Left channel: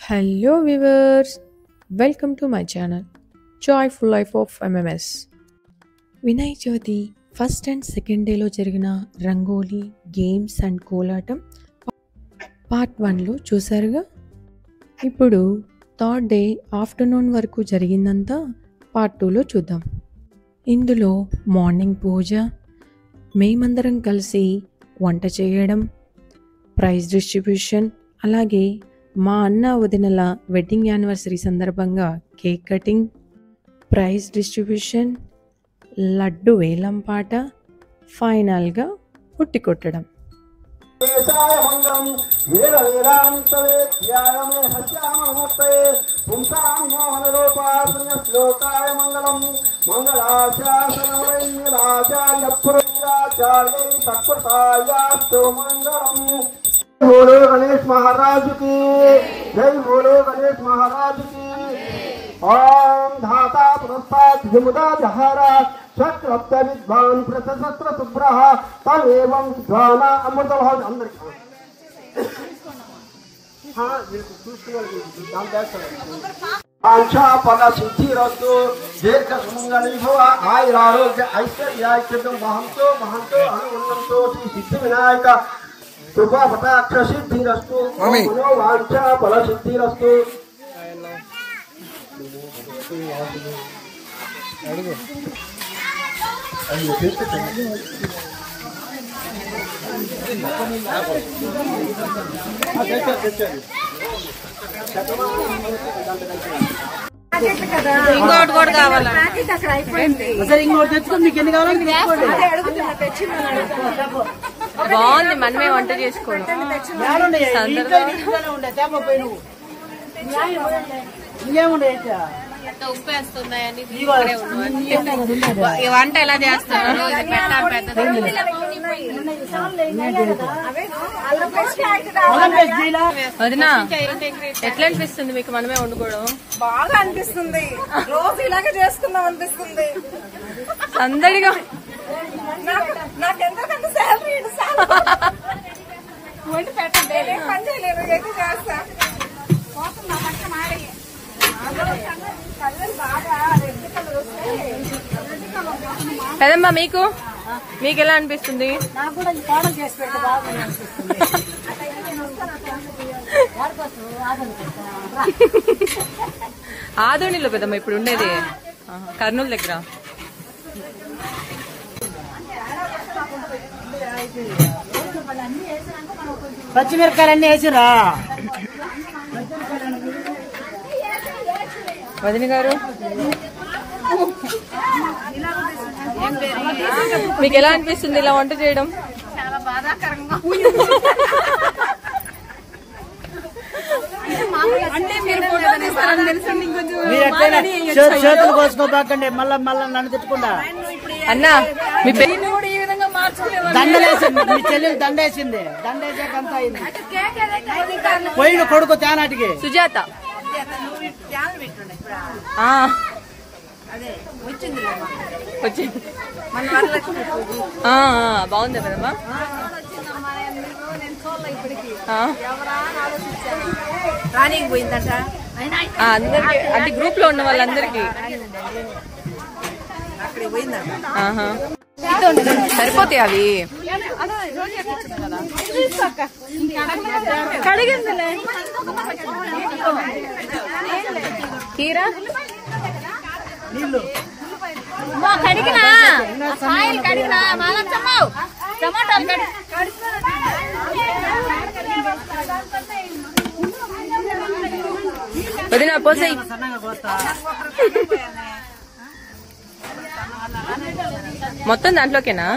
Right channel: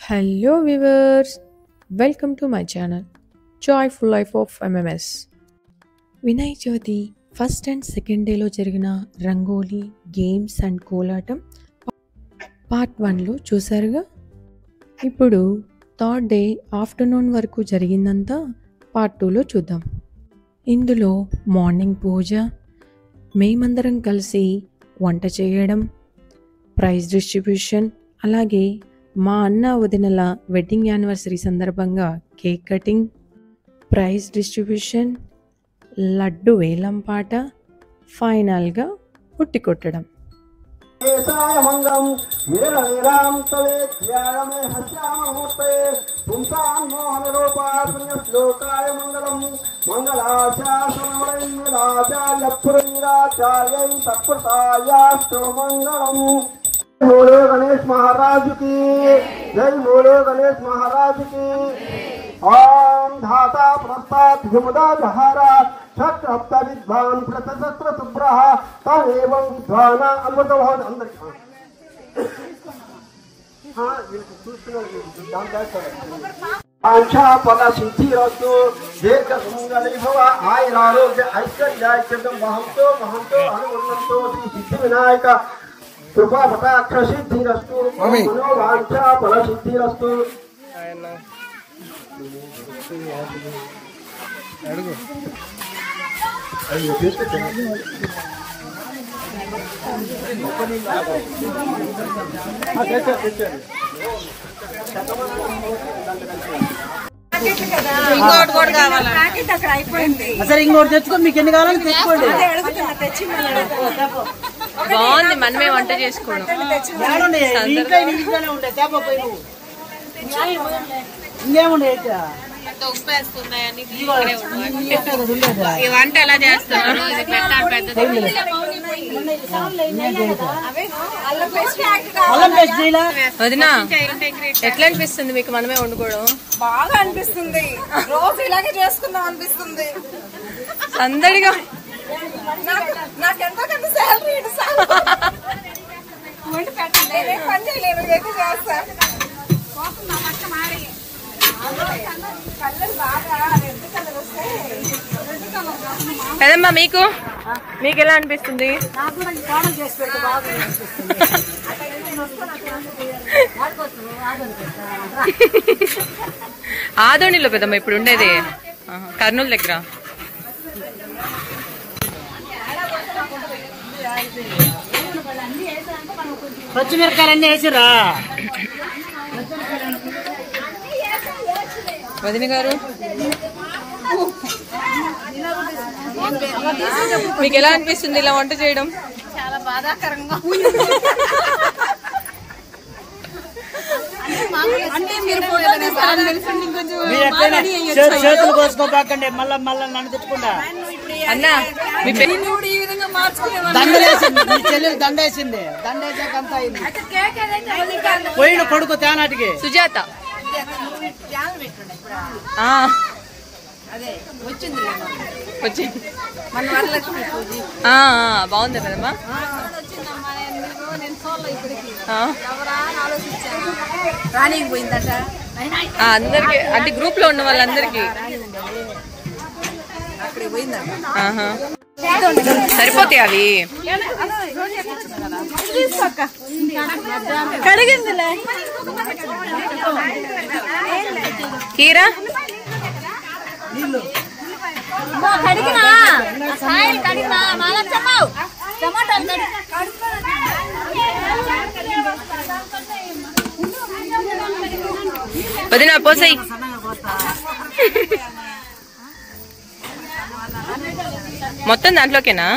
Hello viewers, welcome to my channel Joyful Life of MMS. Vinayaka Chavithi first and second డేలో జరిగిన rangoli games and Kolatam part 1లో చూసారుగా. ఇప్పుడు third day afternoon వరకు జరిగిందంతా పార్ట్ 2లో చూద్దాం. ఇందులో మార్నింగ్ పూజ, మేమందరం కలిసి వంట చేయడం, ప్రైజ్ డిస్ట్రిబ్యూషన్, అలాగే మా అన్న వదినల వెడ్డింగ్ యానివర్సరీ సందర్భంగా cake cutting, prize distribution, laddu వేలం పాట, ఫైనల్గా ఉట్టి కొట్టడం. बोलो गणेश महाराज की जय, बोलो गणेश महाराज की। ओम धाता प्रसाद विमुदा जहारा चक्रप्त विद्वान प्रशस्त्र सुब्रह तमेव विद्वाना अमृतवान अंदर। हाँ ये आंशा पला सिद्धि रस्तो दीर्घ सुंदर भव आयुरारोग्य ऐश्वर्याय महंतो महंतो हनुमंतो सिद्धि विनायक कृपा कटाक्ष सिद्धिरस्तु मनोवांछा फल सिद्धिरस्तु। ఇంకోటి కూడా కావాలి. అసలు ఇంకోటి తెచ్చుకో, మీకు ఎన్ని కావాలని తెచ్చుకోండి. బాగుంది, మనమే వంట చేసుకోవడం. ఇంకేముండే ఉప్పు వేస్తున్నాయని వంట ఎలా చేస్తారు? వదినా, ఎట్లా అనిపిస్తుంది మీకు మనమే వండుకోవడం? బాగా అనిపిస్తుంది. రోజు ఇలాగే చేసుకుందాం అనిపిస్తుంది. అందరిగా నాకెంతో కొంత శాలరీ వండి పెట్టండి, పని చేయలేదు, ఎక్కువ చేస్తా. కలర్ బాగా రెడ్ కలర్ వస్తే కదమ్మా, మీకు ఎలా అనిపిస్తుంది? ఆదోనిలో పెద్దమ్మా ఇప్పుడు ఉండేది, కర్నూలు దగ్గర. పచ్చిమిరకాయలు అన్ని వేసిరా వదిన గారు? మీకు ఎలా అనిపిస్తుంది ఇలా వంట చేయడం? చాలా బాధాకరంగా. చేతులు కోసుకోబాకండి, మళ్ళా నన్ను తెచ్చుకుంటా. అన్నా మీ దండలేసింది, మీ చెల్లెలు దండేసింది, దండేసాక అంతా అయింది. పోయిన కొడుకు తేనాటికి సుజాత వచ్చింది బాగుంది కదమ్మా. నేను చూడలే ఇప్పటికి. ఎవరా ఆలోచించాను, రాణికి పోయిందట అందరికి, అంటే గ్రూప్ లో ఉన్న వాళ్ళందరికి అక్కడికి పోయిందట. సరిపోతాయి అవి. కడిగిందిలే కీరా నీళ్ళు వదిన పోసాయి. మొత్తం దాంట్లోకేనా?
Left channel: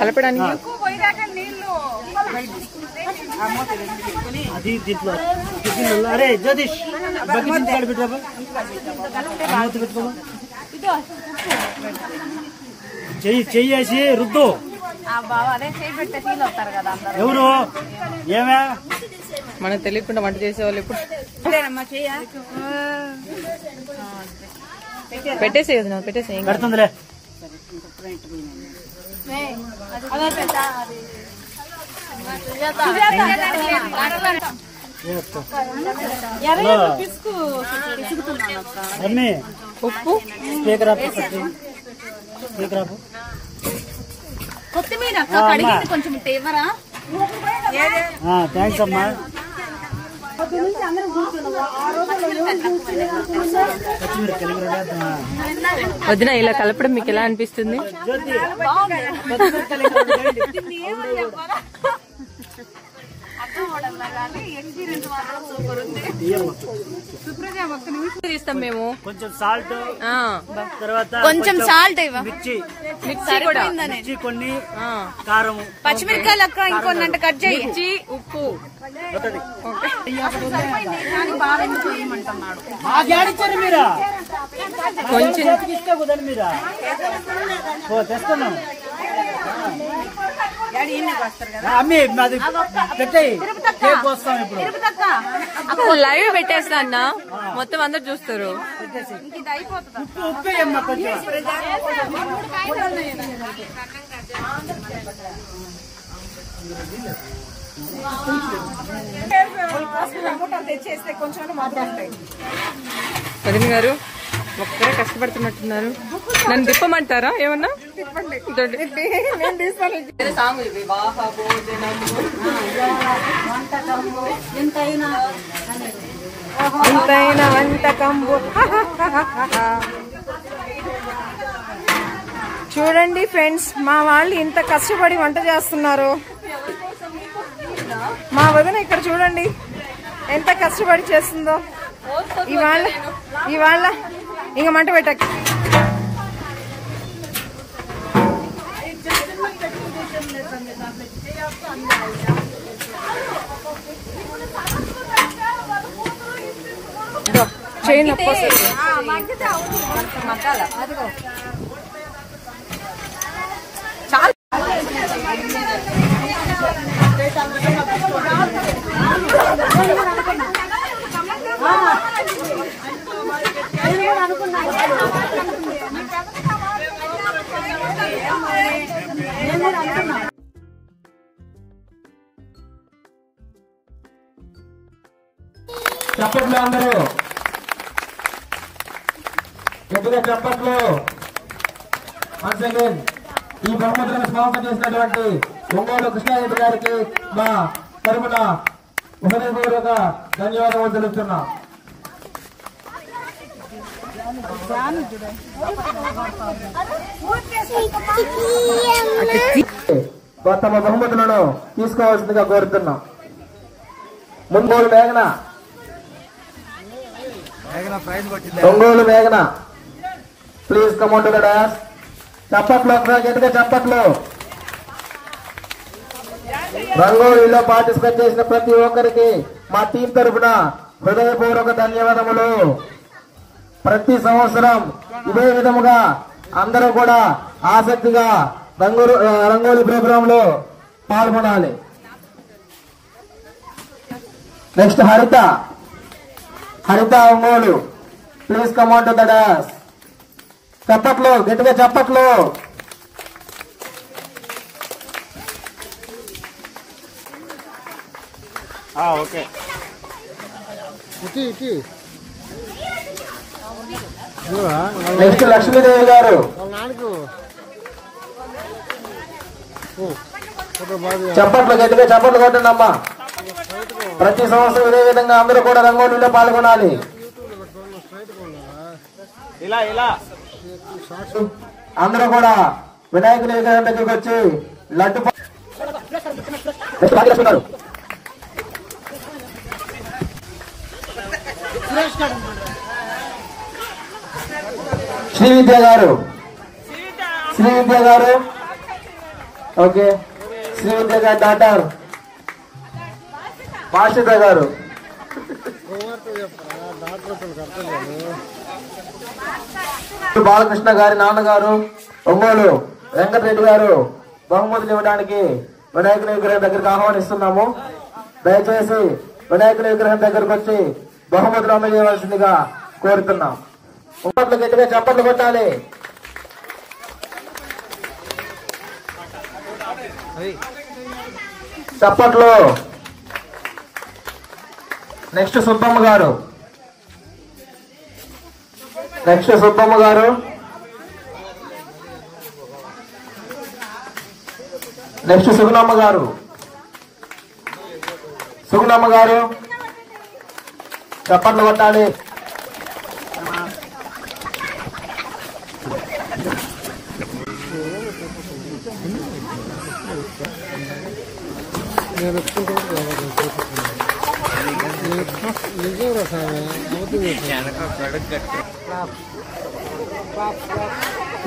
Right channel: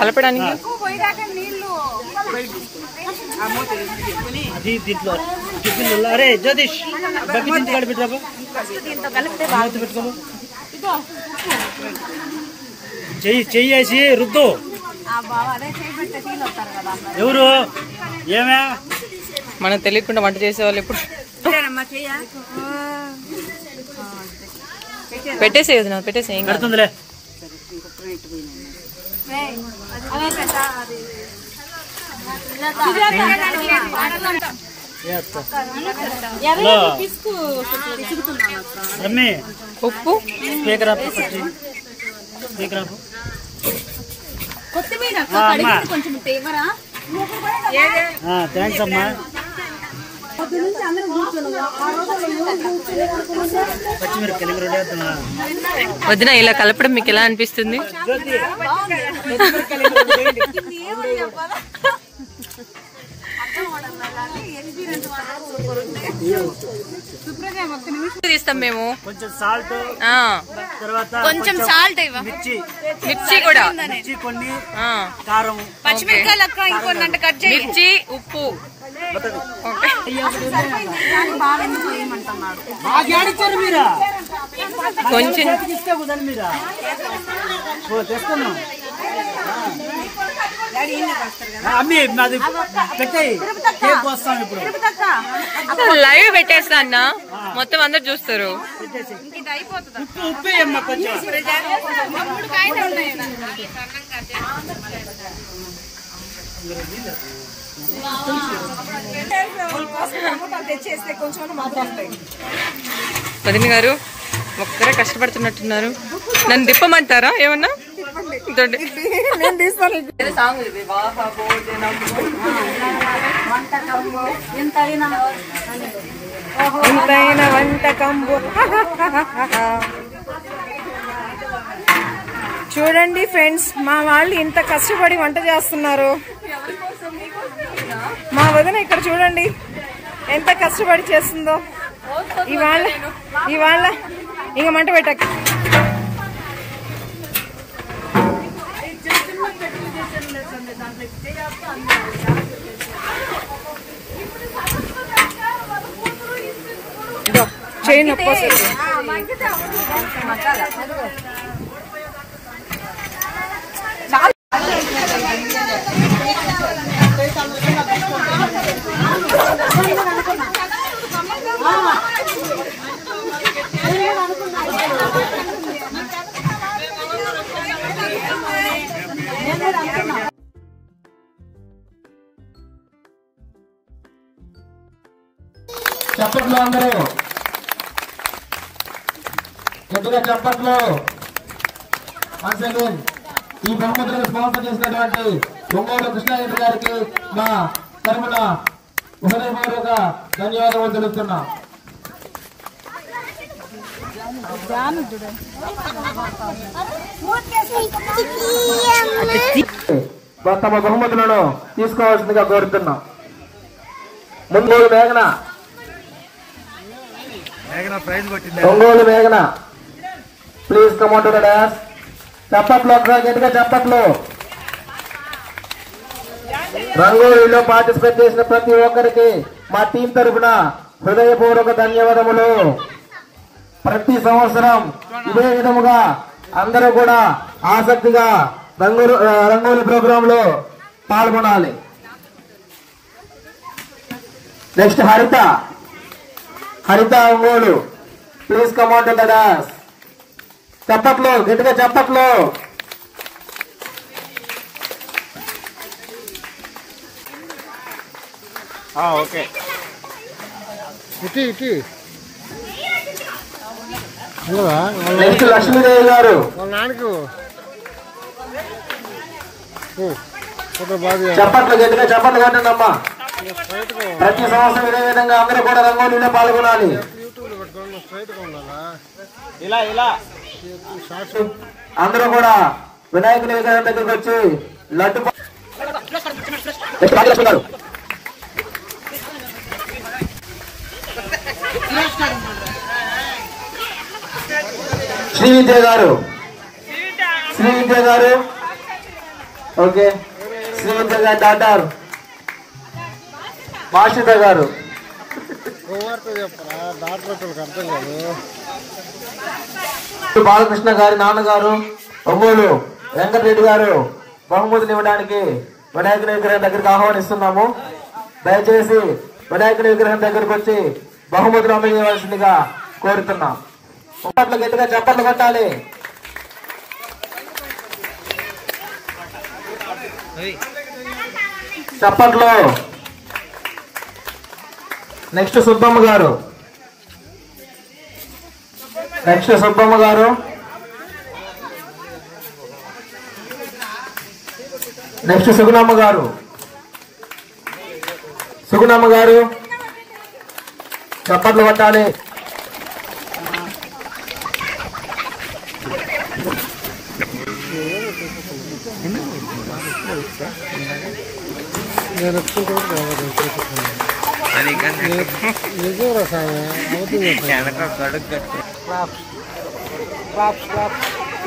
కలపడానికి దీంట్లో అరే జ్యోతిష్ బకెట్ ఇంటి కాడ పెట్టాక చెయ్యి చెయ్యేసి రుద్దు ఎవరు ఏమే మనకు తెలియకుండా వంట చేసేవాళ్ళు ఇప్పుడు పెట్టేసే కదా పెట్టేసే ఏం కాదు. పెడుతుందిలే. ఉప్పు స్పీకర్ ఆఫ్ కొత్తిమీర కొంచెం ఇవ్వరా? థ్యాంక్స్ అమ్మా. వదిన ఇలా కలపడం మీకు ఎలా అనిపిస్తుంది? తీస్తాం మేము. కొంచెం సాల్ట్, తర్వాత కొంచెం సాల్ట్, మిర్చి కూడా, మిర్చి కొన్ని, కారం, పచ్చిమిరకాయలు ఇంకొన్ని కట్ చేయి, మిర్చి, ఉప్పు. కొంచెం లైవ్ పెట్టేస్తా అన్న, మొత్తం అందరు చూస్తారు. వదిన గారు ఒక్కరే కష్టపడుతున్నట్టున్నారు. నన్ను తిప్పమంటారా ఏమన్నా? సాంగ్ ఎంతైనా వంటకంబు. చూడండి ఫ్రెండ్స్, మా వాళ్ళు ఇంత కష్టపడి వంట చేస్తున్నారు. మా వదిన ఇక్కడ చూడండి ఎంత కష్టపడి చేస్తుందో. ఇవాళ ఇంక మంట పెట్టక. చేయి నొప్పి వస్తుంది. చప్పట్లు అందరూ గట్టిగా చప్పట్లు. ఈ బహుమతులను స్పాన్సర్ చేసినటువంటి ఒంగోలు కృష్ణారెడ్డి గారికి మా తరపున హృదయపూర్వక ధన్యవాదాలు తెలుపుతున్నాం. తమ బహుమతులను తీసుకోవాల్సిందిగా కోరుతున్నాం. ఒంగోలు మేఘన, ఒంగోలు మేఘన please come on to the dance. చప్పట్లు, గట్టిగా చప్పట్లు. రంగోలీలో పార్టిసిపేట్ చేసిన ప్రతి ఒక్కరికి మా టీం తరఫున హృదయపూర్వక ధన్యవాదములు. ప్రతి సంవత్సరం ఇదే విధముగా అందరూ కూడా ఆసక్తిగా రంగోలీ ప్రోగ్రామ్ లో పాల్గొనాలి. నెక్స్ట్ హరిత Ongole please come on to the dance. చప్పట్లు, గట్టిగా చప్పట్లు. ఓకే నెక్స్ట్ లక్ష్మీదేవి గారు. చప్పట్లు, గట్టిగా చప్పట్లు కొట్టండి అమ్మా. ప్రతి సంవత్సరం ఇదే విధంగా అందరూ కూడా రంగోలీలో పాల్గొనాలి. అందరూ కూడా వినాయకుని విగ్రహం దగ్గరికి వచ్చి లడ్డు శ్రీ విద్య గారు ఓకే. శ్రీ విద్య గారు డాక్టర్ మాషిత గారు. బాలకృష్ణ గారి నాన్నగారు ఒంగోలు వెంకటరెడ్డి గారు బహుమతిని ఇవ్వడానికి వినాయకుని విగ్రహం దగ్గరికి ఆహ్వానిస్తున్నాము. దయచేసి వినాయకుని విగ్రహం దగ్గరకు వచ్చి బహుమతులు అందజేయవలసిందిగా కోరుతున్నాం. గట్టిగా చప్పట్లు కొట్టాలి. చప్పట్లో. నెక్స్ట్ సుబ్బమ్మ గారు. నెక్స్ట్ సుబ్బమ్మ గారు. నెక్స్ట్ సుగుణమ్మ గారు. సుగుణమ్మ గారు చప్పట్లు కొట్టాలి.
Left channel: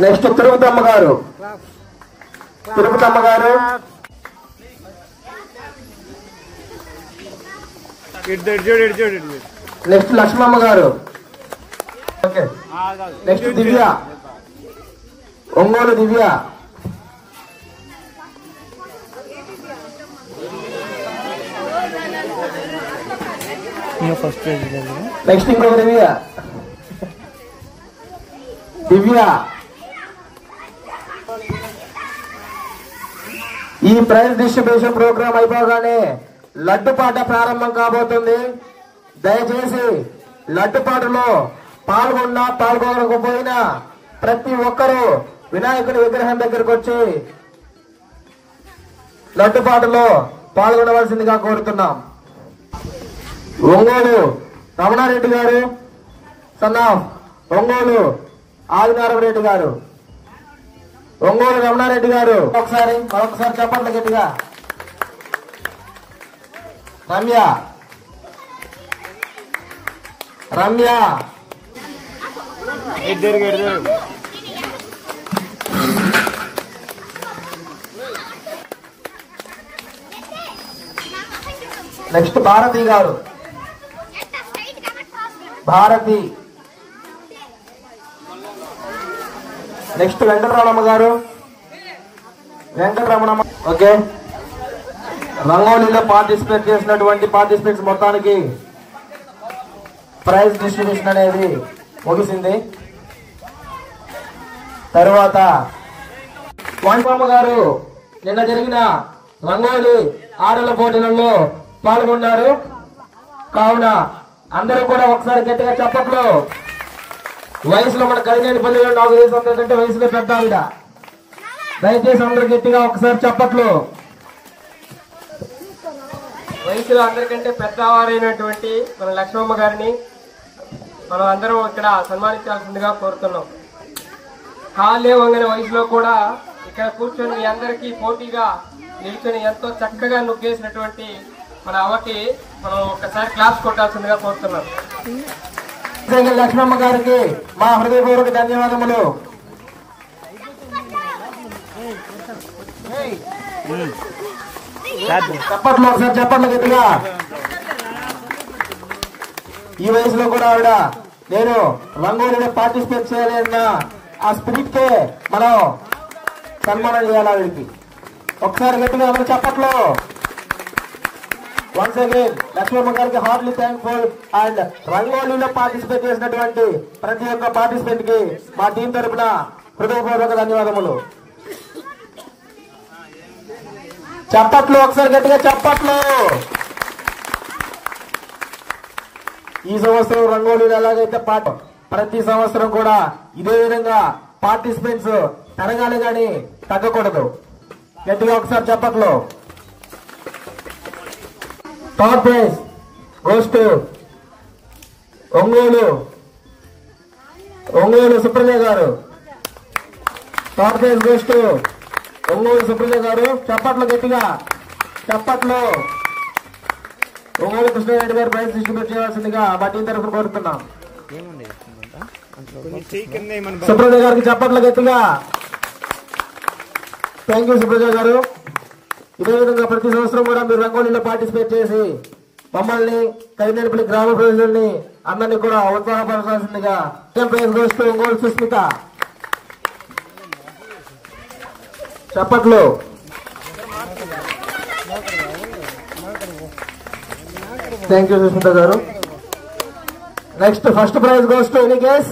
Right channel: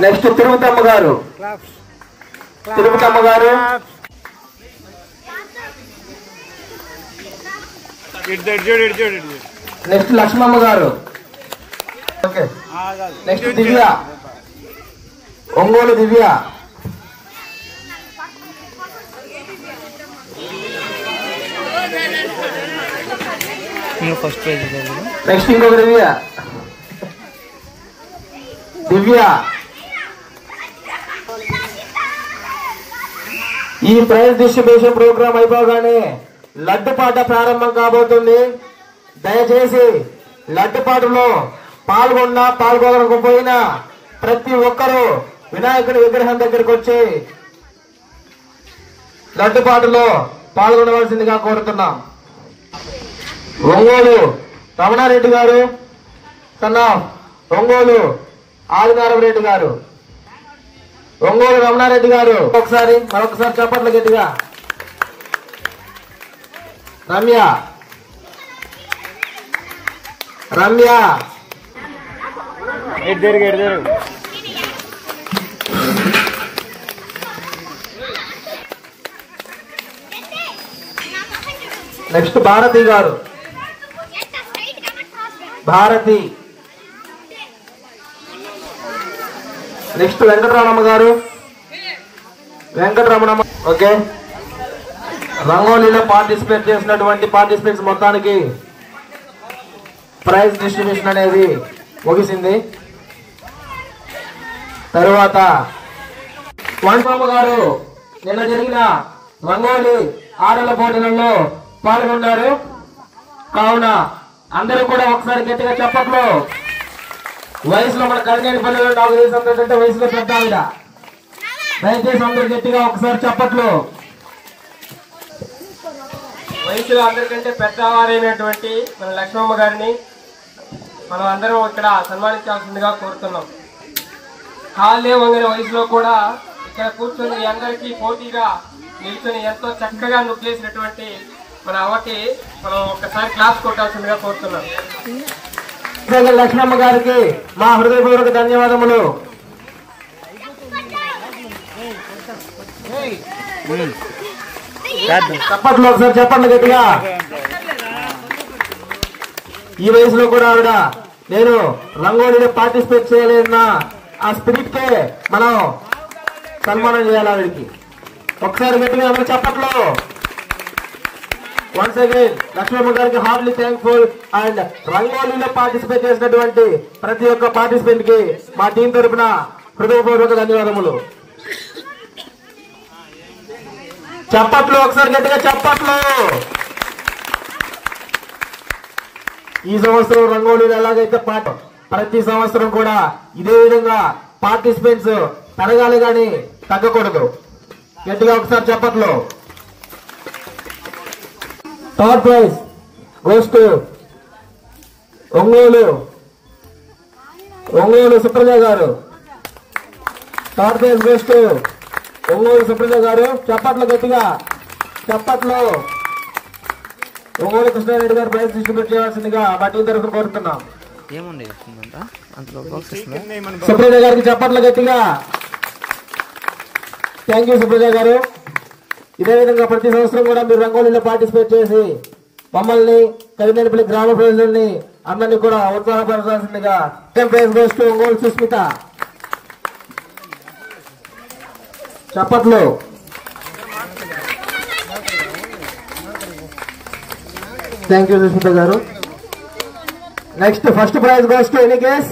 నెక్స్ట్ తిరుపతమ్మ గారు. తిరుపతమ్మ గారు. నెక్స్ట్ లక్ష్మమ్మ గారు. Okay. Next Divya. Ongole Divya. First prize. Next ఇంకొక దివ్య. దివ్య. ఈ ప్రైజ్ డిస్ట్రిబ్యూషన్ ప్రోగ్రామ్ అయిపోగానే లడ్డుపాట ప్రారంభం కాబోతుంది. దయచేసి లడ్డుపాటలో పాల్గొనకపోయినా ప్రతి ఒక్కరూ వినాయకుడి విగ్రహం దగ్గరకు వచ్చి లడ్డుపాటలో పాల్గొనవలసిందిగా కోరుతున్నాం. ఒంగోలు రమణారెడ్డి గారు, సన్ ఆఫ్ ఒంగోలు ఆదినారాయణ గారు. ఒంగోలు రమణారెడ్డి గారు మరొకసారి చప్పట్లు గట్టిగా. రమ్య. రమ్య. నెక్స్ట్ భారతి గారు. భారతి. నెక్స్ట్ వెంకటరమణ గారు. వెంకటరమణ. ఓకే. రంగోలీలో పార్టిసిపేట్ చేసినటువంటి పార్టిసిపెంట్స్ మొత్తానికి ప్రైజ్ డిస్ట్రిబ్యూషన్ అనేది ముగిసింది. తరువాత వాణిబాబు గారు నిన్న జరిగిన రంగోలీ ఆటల పోటీలలో పాల్గొన్నారు. కావున అందరూ కూడా ఒకసారి గట్టిగా చెప్పట్లు. వయసులో మన కలిగేది 10 వయసులో పెద్ద ఆవిడ. దయచేసి అందరూ గట్టిగా ఒకసారి చెప్పట్లు. వయసులో అందరికంటే పెద్దవారైనటువంటి మన లక్ష్మమ్మ గారిని మనం అందరం ఇక్కడ సన్మానించాల్సిందిగా కోరుతున్నాం. కాళ్ళే వంగిన వయసులో కూడా ఇక్కడ కూర్చొని మీ అందరికీ పోటీగా నిల్చొని ఎంతో చక్కగా నొక్కేసినటువంటి మన అమ్మకి మనం ఒకసారి క్లాస్ కొట్టాల్సిందిగా కోరుతున్నాం. లక్ష్మమ్మ గారికి మా హృదయపూర్వక ధన్యవాదములు. చెప్పట్లు ఒకసారి చెప్పండి గట్టిగా. ఈ వయసులో కూడా ఆవిడ నేను రంగోలీలో పార్టిసిపేట్ చేయాలన్న ఆ స్పిరిట్ కే మనం సన్మానం చేయాలి ఆవిడకి. ఒకసారి గట్టిగా అందరూ చెప్పట్లు. వన్స్ అగైన్ లక్ష్మమ్మ గారికి హార్ట్లీ థ్యాంక్ఫుల్. అండ్ రంగోలీలో పార్టిసిపేట్ చేసినటువంటి ప్రతి ఒక్క పార్టిసిపెంట్ కి మా టీం తరఫున హృదయపూర్వక ధన్యవాదములు. చప్పట్లు ఒకసారి గట్టిగా చెప్పట్లు. ఈ సంవత్సరం రంగోలీలో ఎలాగైతే ప్రతి సంవత్సరం కూడా ఇదే విధంగా పార్టిసిపెంట్స్ పెరగాలి కానీ తగ్గకూడదు. గట్టిగా ఒకసారి చెప్పట్లు. Third prize goes to Ongole Supraja గారు. Third prize goes to Ongole Supraja గారు. చప్పట్లు గట్టిగా చప్పట్లు. ఒంగోలు కృష్ణారెడ్డి గారు ప్రైజ్ డిస్ట్రిబ్యూట్ చేయాల్సిందిగా మా టీం తరఫున కోరుతున్నాం. సుప్రజ గారికి చప్పట్లు గట్టిగా. థ్యాంక్ యూ సుప్రజ గారు. ఇదే విధంగా ప్రతి సంవత్సరం కూడా మీరు రంగోలీలో పార్టిసిపేట్ చేసి మమ్మల్ని కలినేపల్లి గ్రామ ప్రజల్ని అందరినీ కూడా ఉత్సాహపరచాల్సిందిగా. Prize goes to Ongole Susmita. చప్పట్లు. థ్యాంక్ యూ సుష్మిత గారు. Next first prize goes to any guess.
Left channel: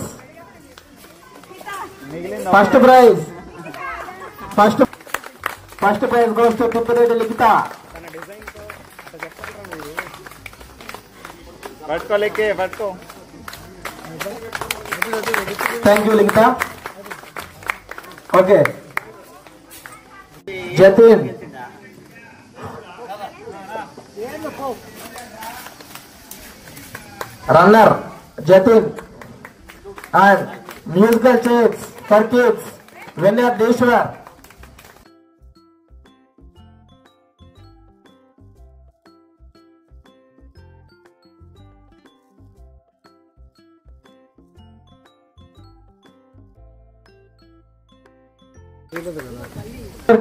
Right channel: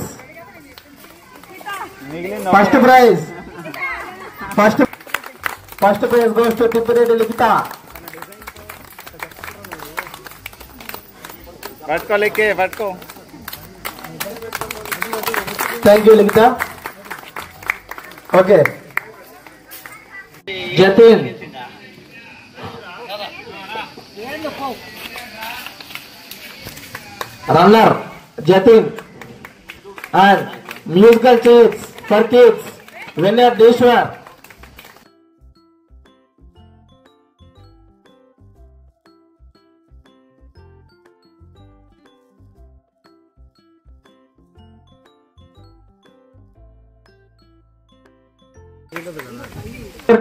First prize goes to Tippireddy Likhita. పట్టుకో. Thank you Likhita. Okay Jatin, runner Jatin and musical chairs for kids winner Eshwar.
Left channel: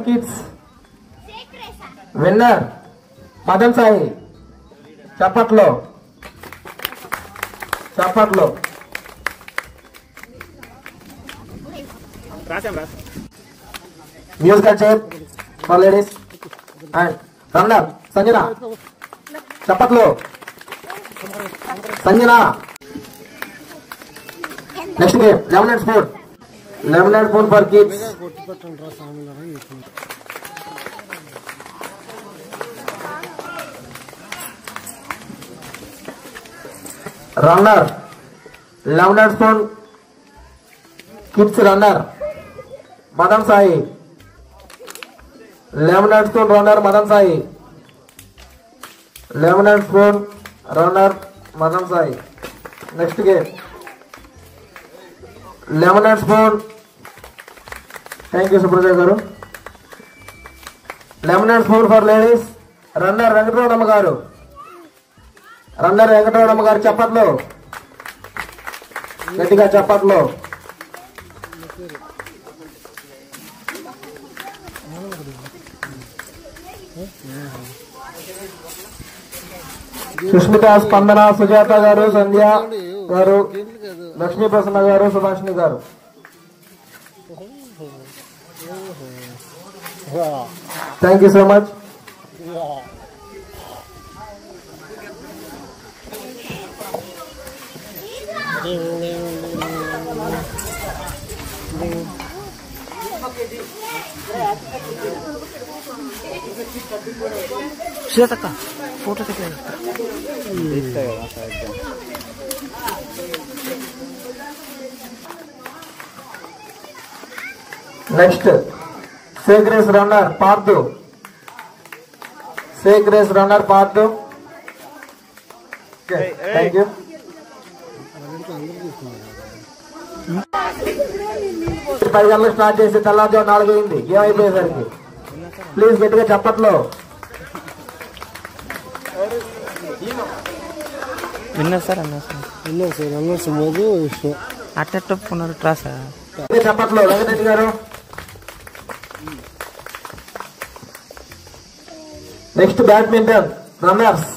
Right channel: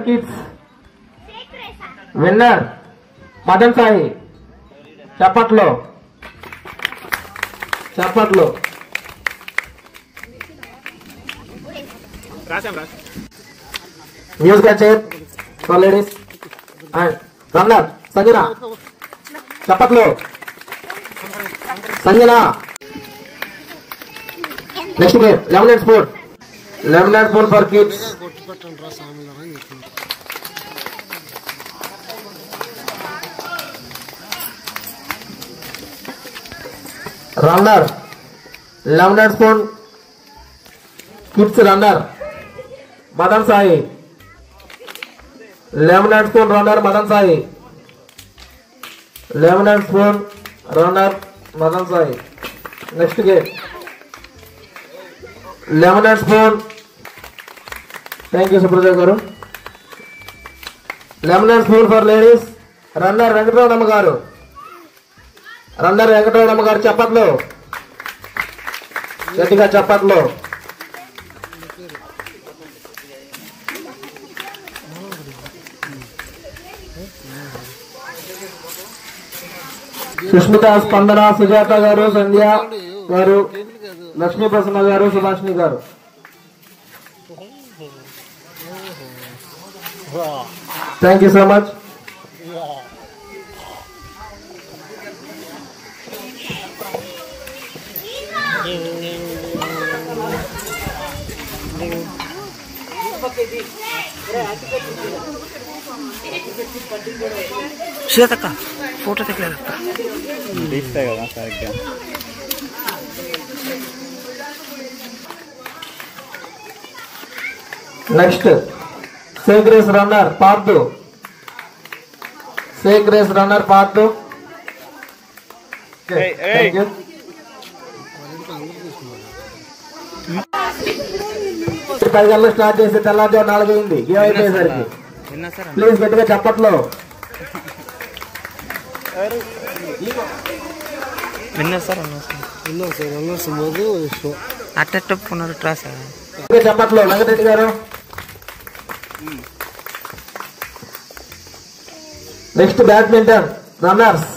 Kids winner Madan Sai. చప్పట్లో musical chair for ladies and runner Sanjana. చప్పట్లో Sanjana. Next game lemon and spoon for kids. Runner lemon and spoon kids runner Madan Sai. Lemon and spoon runner Madan Sai. Lemon and spoon runner Madan Sai. Next game lemon and spoon. Thank you Supraja గారు. Lemon and spoon for ladies runner Venkataramana గారు. చప్పట్లో గట్టిగా చప్పట్లో. సుష్మిత, స్పందన, సుజాత గారు, సంధ్య గారు, లక్ష్మీ ప్రసన్న గారు, సుభాషిణి గారు. Thank you so much. శ్వేతక్క ఫోటో తెగలేదు. Next sack race runner Pardhu. Thank you. Start చేసి తెల్లారు 4 అయింది గేమ్ అయిపోయేసరికి. ప్లీజ్ గట్టిగా చప్పట్లో. చప్పట్లో వెంకటరెడ్డి గారు. Next badminton runners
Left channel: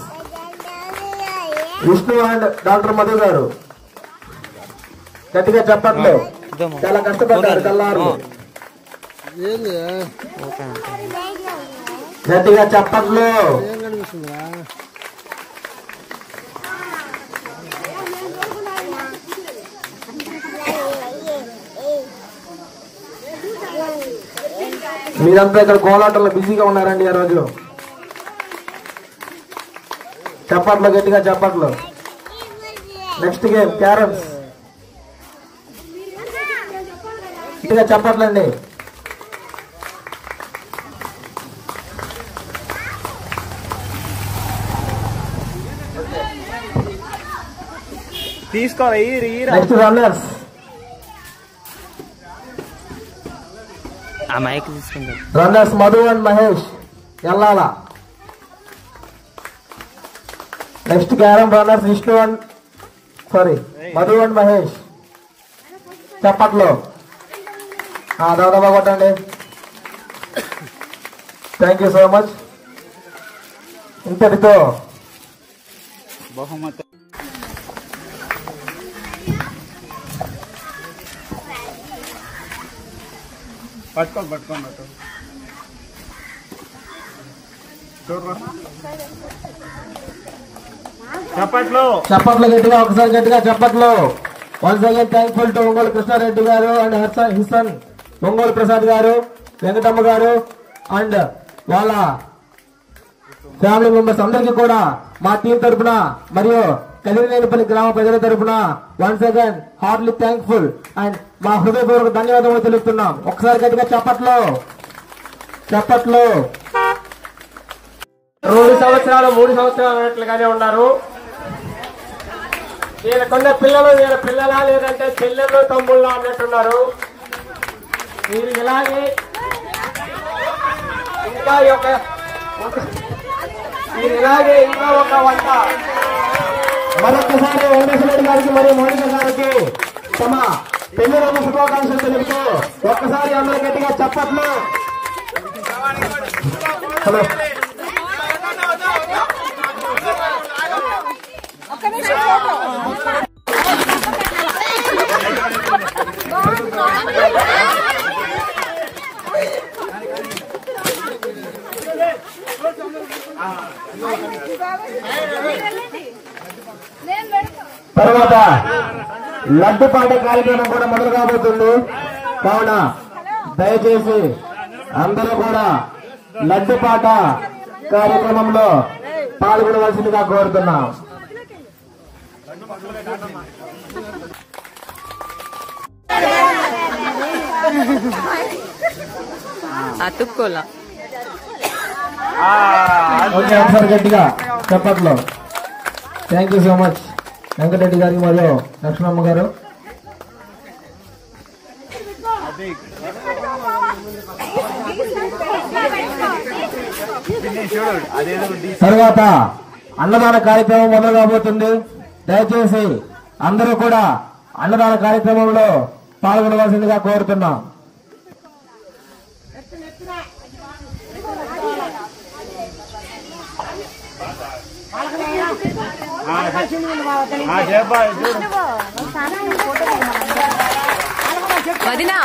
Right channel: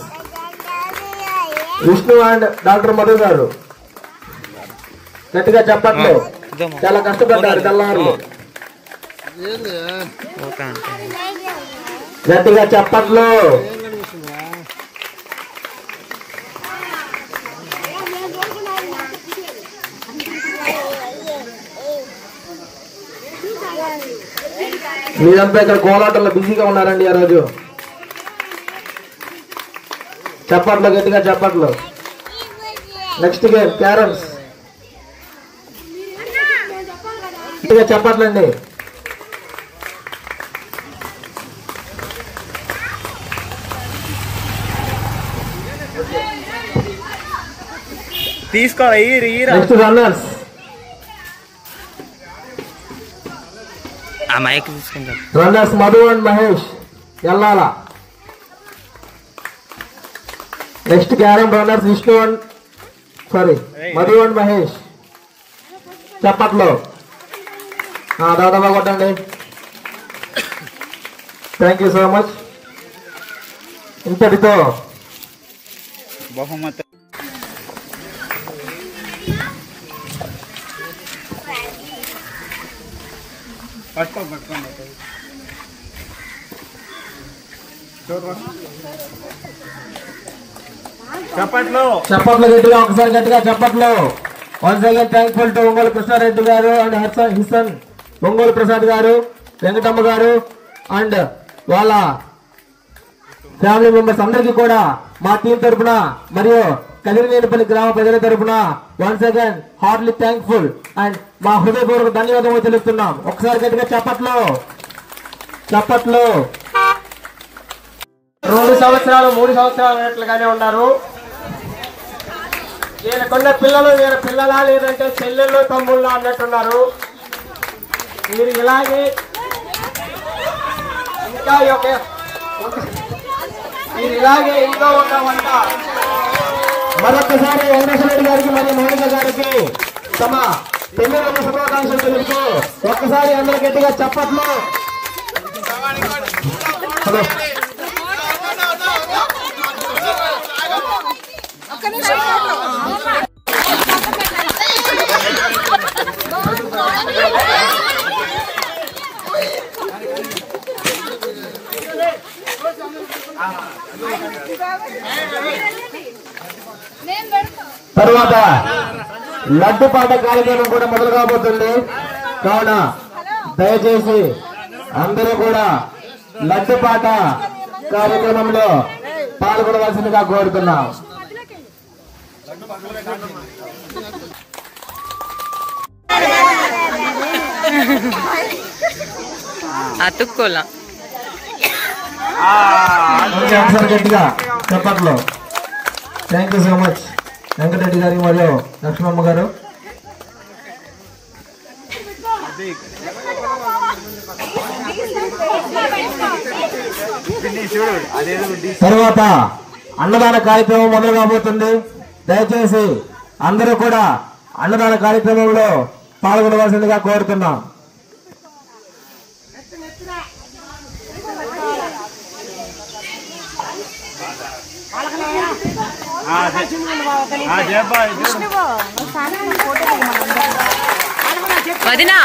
Vishnu and doctor Madhu గారు. గట్టిగా చప్పట్లో. చాలా కష్టపడ్డారు తెల్లారు. గట్టిగా చప్పట్లో. మీరంతా ఇక్కడ కోలాటంలో బిజీగా ఉన్నారండి ఆ రోజు. చప్పట్లో గట్టిగా చప్పట్లో. Next game carroms. గట్టిగా చప్పట్లండి. Next runners. Runners Madhu and Mahesh Ellala. Next carrom runners Vishnu and Madhu and Mahesh. చప్పట్లో దాదాపు కొట్టండి. Thank you so much. ఇంతటితో బహుమతి చప్పట్లు గట్టిగా ఒకసారి గట్టిగా చప్పట్లు. Once again thankful to Ongole Krishnareddy గారు అండ్ హిసన్ ఒంగోలు ప్రసాద్ గారు, వెంకటమ్మ గారు అండ్ వాళ్ళ ఫ్యామిలీ మెంబర్స్ అందరికీ కూడా మా టీం తరఫున మరియు కలిగినేనిపల్లి గ్రామ ప్రజల తరఫున once again heartly thankful and మా హృదయపూర్వక ధన్యవాదాలు తెలుస్తున్నాం. ఒకసారి గట్టిగా చప్పట్లు. 3 సంవత్సరాలు అన్నట్లుగానే ఉన్నారు. వీళ్ళకున్న పిల్లలు వీళ్ళ పిల్లలా లేదంటే చెల్లెళ్ళు తమ్ముళ్ళు అన్నట్టున్నారు. మీరు ఇలాగే ఇంకా ఇంకా ఒక వంట మరొకసారి వెంకటేశ్వరరెడ్డి గారికి మరియు మౌనిక గారికి తమ పెళ్లి రోజు శుభాకాంక్షలు తెలుపుతూ ఒక్కసారి అందరూ గట్టిగా చప్పట్లు. హలో ఒక్క నిమిషం ఫోటో. తర్వాత లడ్డు పాట కార్యక్రమం కూడా మొదలు కాబోతుంది. కావున దయచేసి అందరూ కూడా లడ్డు పాట కార్యక్రమంలో పాల్గొనవలసిందిగా కోరుతున్నాం. అతుక్కోలా ఒకసారి గట్టిగా చెప్పట్లో. Thank you so much Venkatareddy గారికి మరియు లక్ష్మమ్మ గారు. తర్వాత అన్నదాన కార్యక్రమం మొదలు కాబోతుంది. దయచేసి అందరూ కూడా అన్నదాన కార్యక్రమంలో పాల్గొనవలసిందిగా కోరుతున్నాం. వదినా